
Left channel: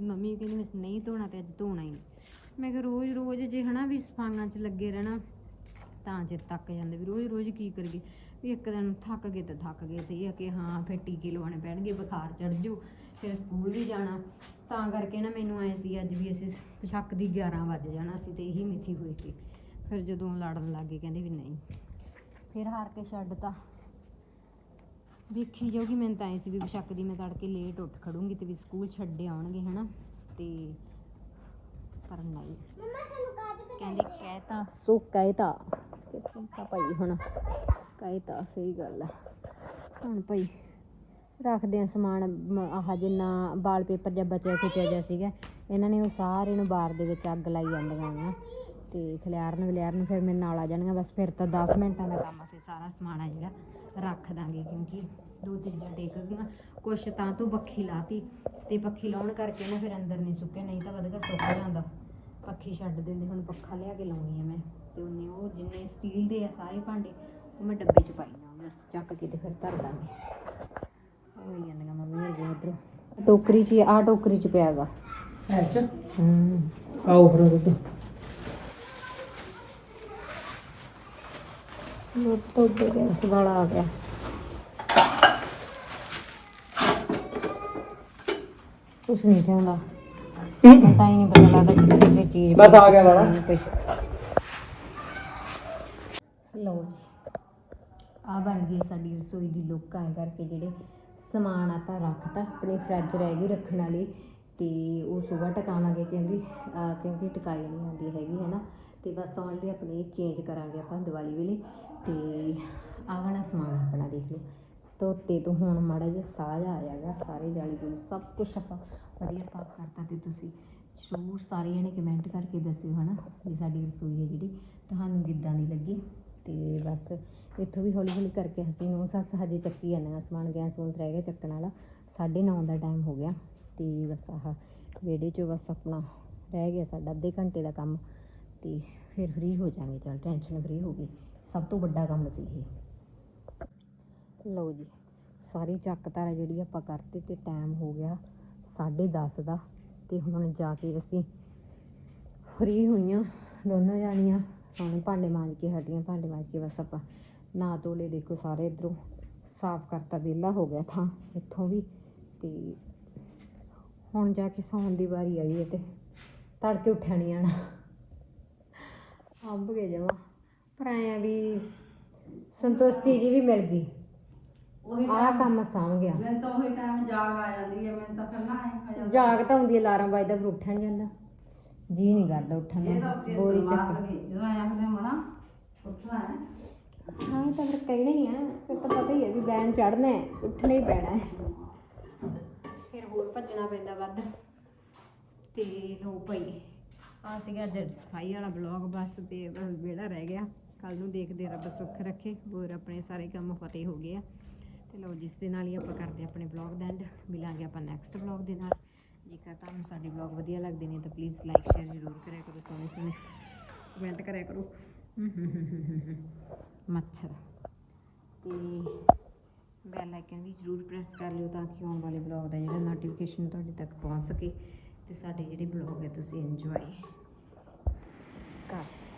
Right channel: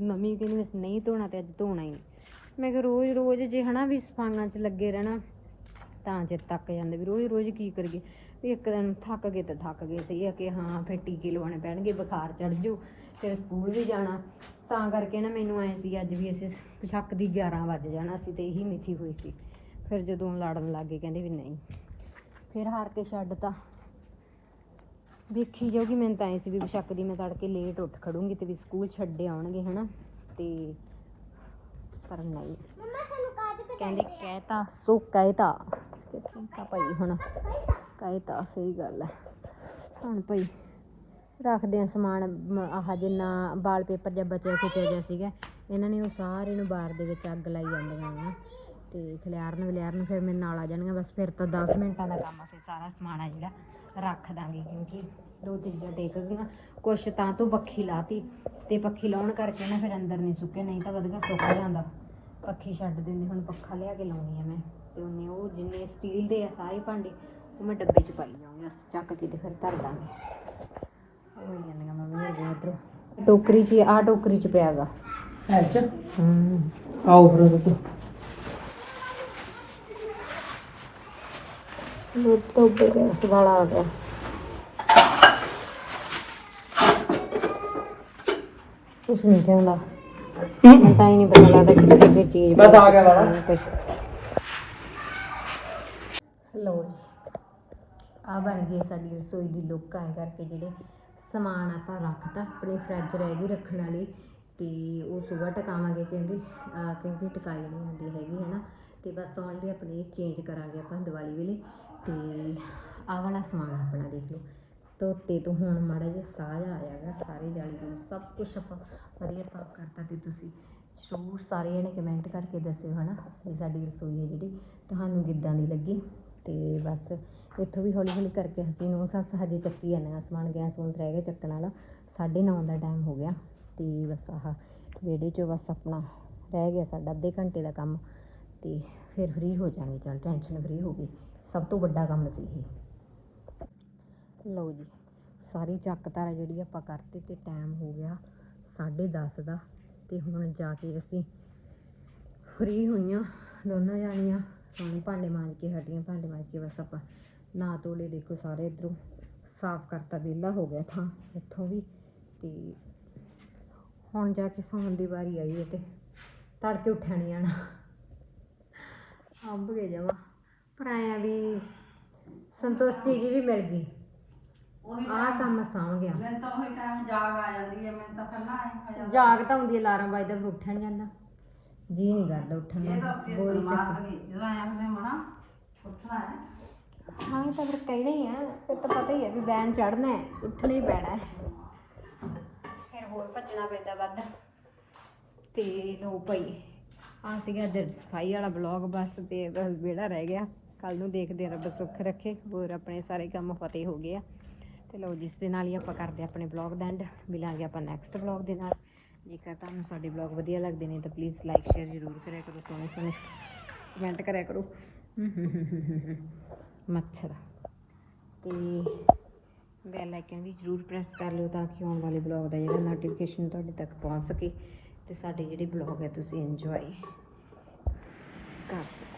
ਮੰਮੀ ਕਹਿੰਦੀ ਮੈਂ ਨਹੀਂ ਧੋਣਾ ਤੇ ਅੱਜ ਧੋਣਾ ਹੀ ਮੈਂ ਕਿਹਾ ਰੋਜ਼ ਰੋਜ਼ ਜੇ ਹਨਾ ਵੀ ਸਫਾਈਆਂ 'ਚ ਲੱਗੇ ਰਹਿਣਾ ਤਾਂ ਚਿਰ ਤੱਕ ਜਾਂਦੇ ਵੀ ਰੋਜ਼ ਰੋਜ਼ ਕੀ ਕਰੀਏ? ਵੀ ਇੱਕ ਦਿਨ ਥੱਕ ਗਏ ਤਾਂ ਥੱਕ ਗਏ ਸਹੀ ਆ ਕਿ ਹਾਂ ਫਿਰ ਟੀਕੇ ਲਵਾਉਣੇ ਪੈਣਗੇ ਬੁਖਾਰ ਚੜ ਜੂ ਫਿਰ ਸਕੂਲ ਵੀ ਜਾਣਾ। ਤਾਂ ਕਰਕੇ ਨਾ ਮੈਨੂੰ ਐ ਸੀ ਅੱਜ ਵੀ ਅਸੀਂ ਸ਼ੱਕ ਦੀ 11 ਵੱਜ ਜਾਣਾ ਸੀ ਤੇ ਇਹੀ ਮਿੱਥੀ ਹੋਈ ਸੀ। ਫਿਰ ਜਦੋਂ ਲੜਨ ਲੱਗੇ ਕਹਿੰਦੇ ਵੀ ਨਹੀਂ। ਫਿਰ ਹਾਰ ਕੇ ਛੱਡਤਾ ਵੇਖੀ ਜਾਊਗੀ ਮੈਨੂੰ ਤਾਂ ਐ ਸੀ ਵੀ ਬਸ਼ੱਕ ਦੀ ਮੈਂ ਤੜਕੇ ਲੇਟ ਉੱਠ ਖੜੂੰਗੀ ਤੇ ਵੀ ਸਕੂਲ ਛੱਡੇ ਆਉਣਗੇ ਹਨਾ? ਤੇ ਪਰ ਨਹੀਂ। ਕਹਿੰਦੇ ਕਹਿਤਾ ਸੋ ਕਹਿਤਾ ਭਾਈ ਹੁਣ ਕਹਿਤਾ ਸਹੀ ਗੱਲ ਹੈ। ਹੁਣ ਭਾਈ ਰੱਖਦੇ ਆ ਸਮਾਨ ਆਹ ਜਿੰਨਾ ਵਾਲ ਪੇਪਰ ਜਾਂ ਬਚਿਆ ਕੁਚਿਆ ਜਿਹਾ ਸੀਗਾ, ਇਹਨਾਂ ਨੇ ਉਹ ਸਾਰੇ ਨੂੰ ਬਾਰ ਦੇ ਵਿੱਚ ਅੱਗ ਲਾਈ ਜਾਂਦੀਆਂ ਨੇ ਤੇ ਖਲਿਆਰਨ ਵਿਲਿਆਰਨ ਫਿਰ ਮੇਰੇ ਨਾਲ ਆ ਜਾਣਗੀਆਂ, ਬਸ ਫਿਰ ਤਾਂ 10 ਮਿੰਟਾਂ ਦਾ ਕੰਮ ਅਸੀਂ ਸਾਰਾ ਸਮਾਨ ਆ ਜਿਹੜਾ, ਰੱਖ ਦਾਂਗੇ ਕਿਉਂਕਿ ਦੋ ਚੀਜ਼ਾਂ ਟੇਕ ਗਈਆਂ ਕੁਛ ਤਾਂ ਤੋਂ ਪੱਖੀ ਲਾਤੀ ਤੇ ਪੱਖੀ ਲਾਉਣ ਕਰਕੇ ਨਾ ਫਿਰ ਅੰਦਰ ਨਹੀਂ ਸੁੱਕੇ, ਨਹੀਂ ਤਾਂ ਵਧੀਆ ਸੁੱਕ ਜਾਂਦਾ। ਪੱਖੀ ਛੱਡ ਦਿੰਦੇ, ਹੁਣ ਪੱਖਾ ਲਿਆ ਕੇ ਲਾਉਣੀ ਆ ਮੈਂ। ਤੇ ਉਹਨੇ ਉਹ ਜਿੰਨੇ ਸਟੀਲ ਦੇ ਆ ਸਾਰੇ ਭਾਂਡੇ ਉਹ ਮੈਂ ਡੱਬੇ 'ਚ ਪਾਈ ਜਾਊਂਗੀ ਅਸੀਂ ਚੱਕ ਕੇ ਤੇ ਫਿਰ ਧਰ ਦਾਂਗੇ। ਜਾਂਦੀਆਂ ਮੰਮੀ ਜੀ ਇਧਰੋਂ ਟੋਕਰੀ 'ਚ ਆ ਟੋਕਰੀ 'ਚ ਪਿਆ ਗਾ। ਅੱਛਾ ਹੂੰ। ਪਾਉ ਫਿਰ ਉਹਦੇ ਲੁੱਟ ਤੋਂ ਉੱਪਰ ਗੈਸ ਵਾਲਾ ਆ ਗਿਆ। ਕੁਛ ਨਹੀਂ ਕਹਿੰਦਾ। ਹੀ। ਨਹੀਂ ਪਤਾ ਲੱਗਦਾ ਕਿੱਥੇ ਕੀ ਚੀਜ਼ ਬਸ ਆ ਗਿਆ ਵਾਲਾ। ਲੋ ਆ ਬਣ ਗਈ ਸਾਡੀ ਰਸੋਈ ਦੀ ਲੁੱਕ ਐਂ ਕਰਕੇ ਜਿਹੜੇ ਸਮਾਨ ਆਪਾਂ ਰੱਖਤਾ, ਆਪਣੀ ਫਰਿੱਜ ਰਹਿ ਗਈ ਰੱਖਣ ਵਾਲੀ ਤੇ ਉਹ ਸਵੇਰ ਟਕਾਵਾਂਗੇ ਕਹਿੰਦੇ ਆ ਕਿਉਂਕਿ ਟਿਕਾਈ ਨਹੀਂ ਆਉਂਦੀ ਹੈਗੀ ਹੈ ਨਾ ਤੇ ਬਸ ਆਨਲੀ ਆਪਣੇ ਚੇਂਜ ਕਰਾਂਗੇ ਆਪਾਂ ਦੀਵਾਲੀ ਵੇਲੇ। ਤੇ ਆਹ ਵਾਲਾ ਸਮਾਨ ਆਪਣਾ ਦੇਖ ਲਓ। ਧੋਤੇ ਤੋਂ ਹੁਣ ਮਾੜਾ ਜਿਹਾ ਸਾਹ ਜਿਹਾ ਆਇਆਗਾ ਸਾਰੇ ਜਾਲੀ ਤੋਂ ਸਭ ਕੁਝ ਆਪਾਂ ਵਧੀਆ ਸਾਫ਼ ਕਰਤਾ ਤੇ ਤੁਸੀਂ ਜ਼ਰੂਰ ਸਾਰੇ ਜਣੇ ਕਮੈਂਟ ਕਰਕੇ ਦੱਸਿਓ, ਹਨਾ, ਵੀ ਸਾਡੀ ਰਸੋਈ ਹੈ ਜਿਹੜੀ। ਤੁਹਾਨੂੰ ਕਿੱਦਾਂ ਦੀ ਲੱਗੀ? ਤੇ ਬਸ ਇੱਥੋਂ ਵੀ ਹੌਲੀ ਹੌਲੀ ਕਰਕੇ ਅਸੀਂ ਨੂੰ ਸੱਸ ਹਜੇ ਚੱਕੀ ਜਾਂਦੇ ਹਾਂ। ਸਮਾਨ ਗੈਸ ਗੂਸ ਰਹਿ ਗਿਆ ਚੱਕਣ ਵਾਲਾ। 9:30 ਦਾ ਟਾਈਮ ਹੋ ਗਿਆ ਤੇ ਬਸ ਆਹ ਵਿਹੜੇ 'ਚ ਬਸ ਆਪਣਾ ਰਹਿ ਗਿਆ ਸਾਡਾ ਅੱਧੇ ਘੰਟੇ ਦਾ ਕੰਮ ਤੇ ਫਿਰ ਫ੍ਰੀ ਹੋ ਜਾਵਾਂਗੇ। ਚਲ ਟੈਨਸ਼ਨ ਫ੍ਰੀ ਹੋ ਗਈ। ਸਭ ਤੋਂ ਵੱਡਾ ਕੰਮ ਸੀ ਇਹ। ਲਓ ਜੀ, ਸਾਰੀ ਚੱਕ ਧਾਰਾ ਜਿਹੜੀ ਆਪਾਂ ਕਰਤੇ ਤੇ ਟਾਈਮ ਹੋ ਗਿਆ 10:30 ਦਾ ਤੇ ਹੁਣ ਜਾ ਕੇ ਅਸੀਂ ਫ੍ਰੀ ਹੋਈਆਂ ਦੋਨੋਂ ਜਾਣੀਆਂ। ਹੁਣ ਭਾਂਡੇ ਮਾਂਜ ਕੇ ਹਟੀਆਂ ਭਾਂਡੇ ਮਾਂਜ ਕੇ ਬਸ ਆਪਾਂ ਨਾ ਤੋਲੇ ਦੇਖੋ ਸਾਰੇ ਇਧਰੋਂ ਸਾਫ਼ ਕਰਤਾ ਵਿਹਲਾ ਹੋ ਗਿਆ ਥਾਂ ਇੱਥੋਂ ਵੀ ਤੇ ਹੁਣ ਜਾ ਕੇ ਸੌਣ ਦੀ ਵਾਰੀ ਆਈ ਹੈ ਤੇ ਤੜਕੇ ਉੱਠਿਆ ਨਹੀਂ ਆਣਾ ਅੰਬ ਗਏ ਜਾਵਾ ਪਰ ਐਂ ਵੀ ਸੰਤੁਸ਼ਟੀ ਜੀ ਵੀ ਮਿਲ ਗਈ। ਆਹ ਕੰਮ ਸਾਂਭ ਗਿਆ। ਮੈਂ ਤਾਂ ਉਹੀ ਟਾਈਮ ਜਾਗ ਆ ਜਾਂਦੀ ਹੈ ਮੈਂ ਤਾਂ ਕਰਨਾ ਹੈ ਜਾਗ ਤਾਂ ਹੁੰਦੀ ਅਲਾਰਮ ਵੱਜਦਾ ਫਿਰ ਉੱਠਣ ਜਾਂਦਾ। ਜੀ ਨਹੀਂ ਕਰਦਾ ਉੱਠਣ ਕਿ ਬੋਰੀ ਚੱਕ। ਜਦੋਂ ਆਇਆ ਉਹਨੇ ਮਣਾ ਉੱਠਣਾ ਹੈ। ਹਾਂ ਇਹ ਤਾਂ ਫਿਰ ਕਹਿਣਾ ਹੀ ਆ। ਫਿਰ ਤਾਂ ਪਤਾ ਹੀ ਹੈ ਵੀ ਬੈਨ ਚੜਨਾ ਹੈ ਉੱਠਣਾ ਹੀ ਪੈਣਾ ਹੈ। ਫਿਰ ਹੋਰ ਭੱਜਣਾ ਪੈਂਦਾ ਵੱਧ। ਤੇ ਲੋ ਭਾਈ ਆ ਸੀਗਾ ਅੱਜ ਸਫ਼ਾਈ ਵਾਲਾ ਬਲੌਗ ਬਸ ਤੇ ਬਸ ਵਿਹੜਾ ਰਹਿ ਗਿਆ। ਕੱਲ ਨੂੰ ਦੇਖਦੇ ਰੱਬ ਸੁੱਖ ਰੱਖੇ। ਹੋਰ ਆਪਣੇ ਸਾਰੇ ਕੰਮ ਫਤਿਹ ਹੋ ਗਏ ਆ। ਤੇ ਲੋ ਜਿਸ ਦੇ ਨਾਲ ਹੀ ਆਪਾਂ ਕਰਦੇ ਆਪਣੇ ਬਲੌਗ ਦਾ ਐਂਡ ਮਿਲਾਂਗੇ ਆਪਾਂ ਨੈਕਸਟ ਬਲੌਗ ਦੇ ਨਾਲ। ਜੇਕਰ ਤੁਹਾਨੂੰ ਸਾਡੇ ਬਲੌਗ ਵਧੀਆ ਲੱਗਦੇ ਨੇ ਤਾਂ ਪਲੀਜ਼ ਲਾਈਕ ਸ਼ੇਅਰ ਜ਼ਰੂਰ ਕਰਿਆ ਕਰੋ, ਸੋਹਣੇ ਸੋਹਣੇ ਕਮੈਂਟ ਕਰਿਆ ਕਰੋ। ਮੱਛਰ। ਤੇ ਬੈਲ ਆਈਕਨ ਵੀ ਜ਼ਰੂਰ ਪ੍ਰੈਸ ਕਰ ਲਿਓ ਤਾਂ ਕਿ ਆਉਣ ਵਾਲੇ ਬਲੌਗ ਦਾ ਜਿਹੜਾ ਨੋਟੀਫਿਕੇਸ਼ਨ ਤੁਹਾਡੇ ਤੱਕ ਪਹੁੰਚ ਸਕੇ ਤੇ ਸਾਡੇ ਜਿਹੜੇ ਬਲੌਗ ਹੈ ਤੁਸੀਂ ਇੰਜੋਏ ਕਰ ਸਕੋ।